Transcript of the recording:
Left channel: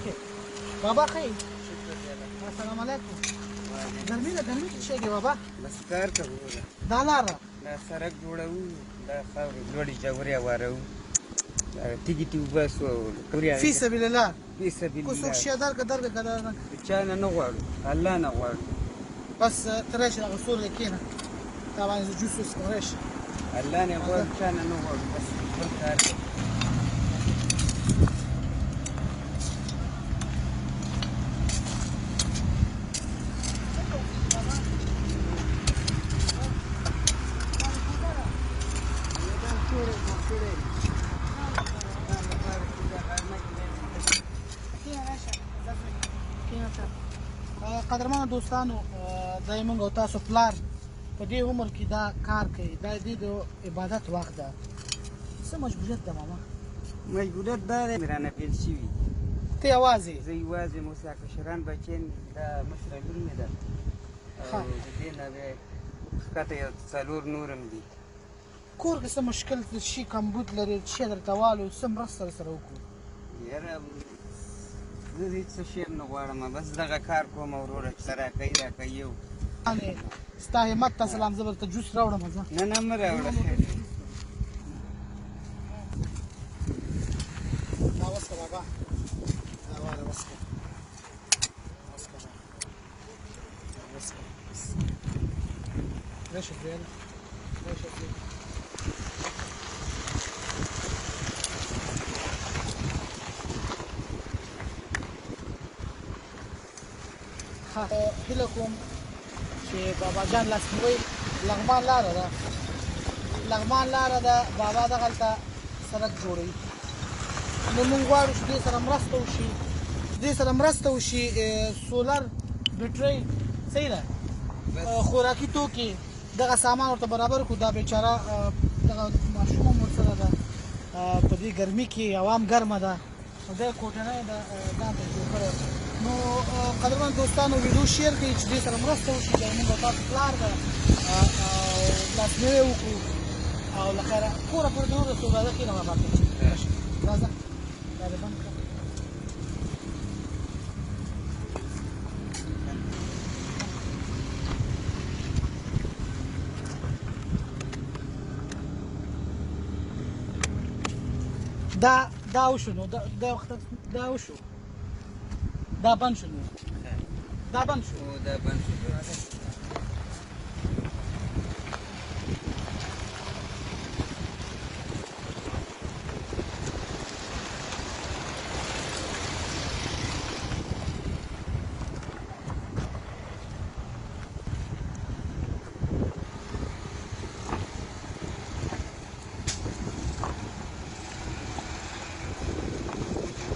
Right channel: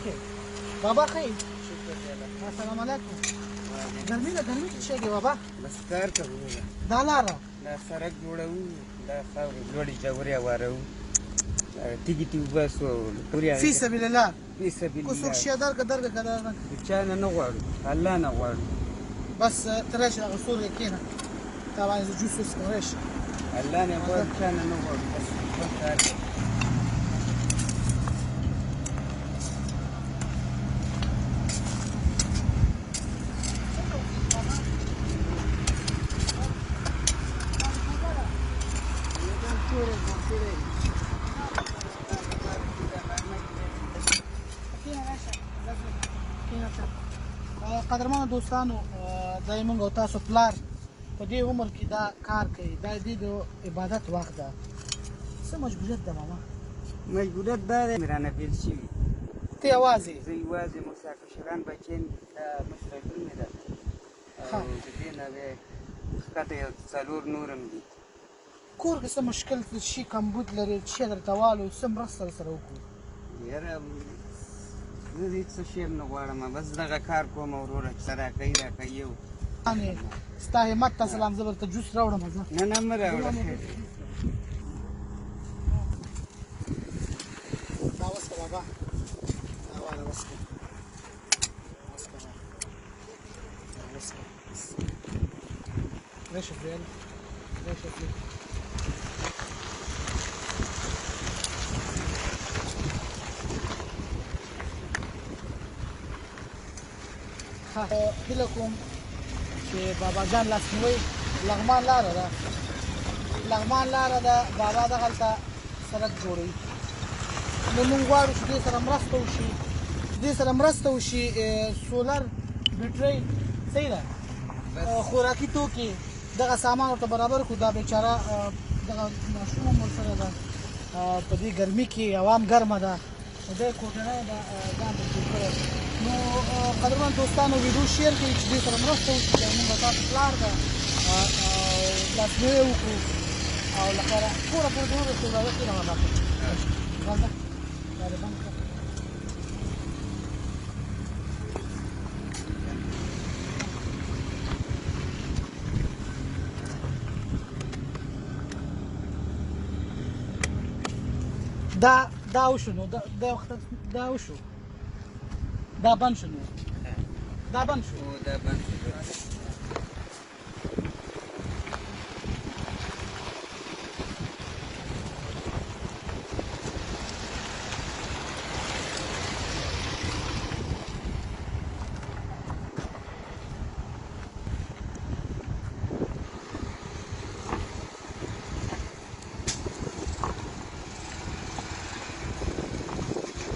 اوكي بابا خیر السلام علیکم ګرمي ده ګرمي څه شي بابا بس کار کوو دا لاره دا سړک جوړوو دا خاورې لوړې ژورې هوارو تیږې ته وباسو فی سبیل الله فی سبیل کو څوک الله شي درګه چا نه غواړو الله نه غواړو بس ته راشي هغه سور کېنه تا باندې جوس وڅښه راشي الله نه غواړو چا نه غواړو بس خپل کار کوو قدرمنو دوستانو دا یې موږ او تاسو پلار په دې عمر کې دا کار کوي دا د عبادت وخت ده څه مجبوریت ده ماما مجبوریت دا دی رانه بېل شوي ته یوازې زه یوازې اوس کشران بچیان دا مصرفونه ده او د دې نه بیا ښکته یو څلور نور هم دي کور کې څه مشکل شي کمبود لري څه درته والو څه مرسته ورسره وکړو یاره زه هېڅ څه شی هم نه غواړم بس دغه کار کوم وروره څه راکوي راکوي یو ستا همت ته سلام زه درته جوس راوړم نه نه مه راوړه دا وڅښه بابا دا واله وڅښه وڅښه راشي پرېږده راشي پرېږده هیله کوم چې بابا جان لاسنیوی لغمان لاره ده لغمان لاره ده بابا دغلته سړک جوړوي نو موږ غواړو چې دې سره مرسته وشي چې دې سره مرسته وشي سولر بیټرۍ صحیح ده خوراکي توکي دغه سامان ورته برابر کړو دا بیچاره دغه ماشوم هم ورسره ده په دې ګرمي کې هوا هم ګرمه ده نو دی کوټنی ده ځان ته جوړ کړی نو قدرمن دوستانو ویډیو شیر کړئ چې دې سره مرسته وشي چې موږ او تاسو پلار ده لاسنیوی وکړو او له خیره کوره پورې دې ورسېږو راځه کښېنه بابا راځه دا دې بند کړه دا وشو نو دا وشو دا بند شو نو دا بند شو دا بند شو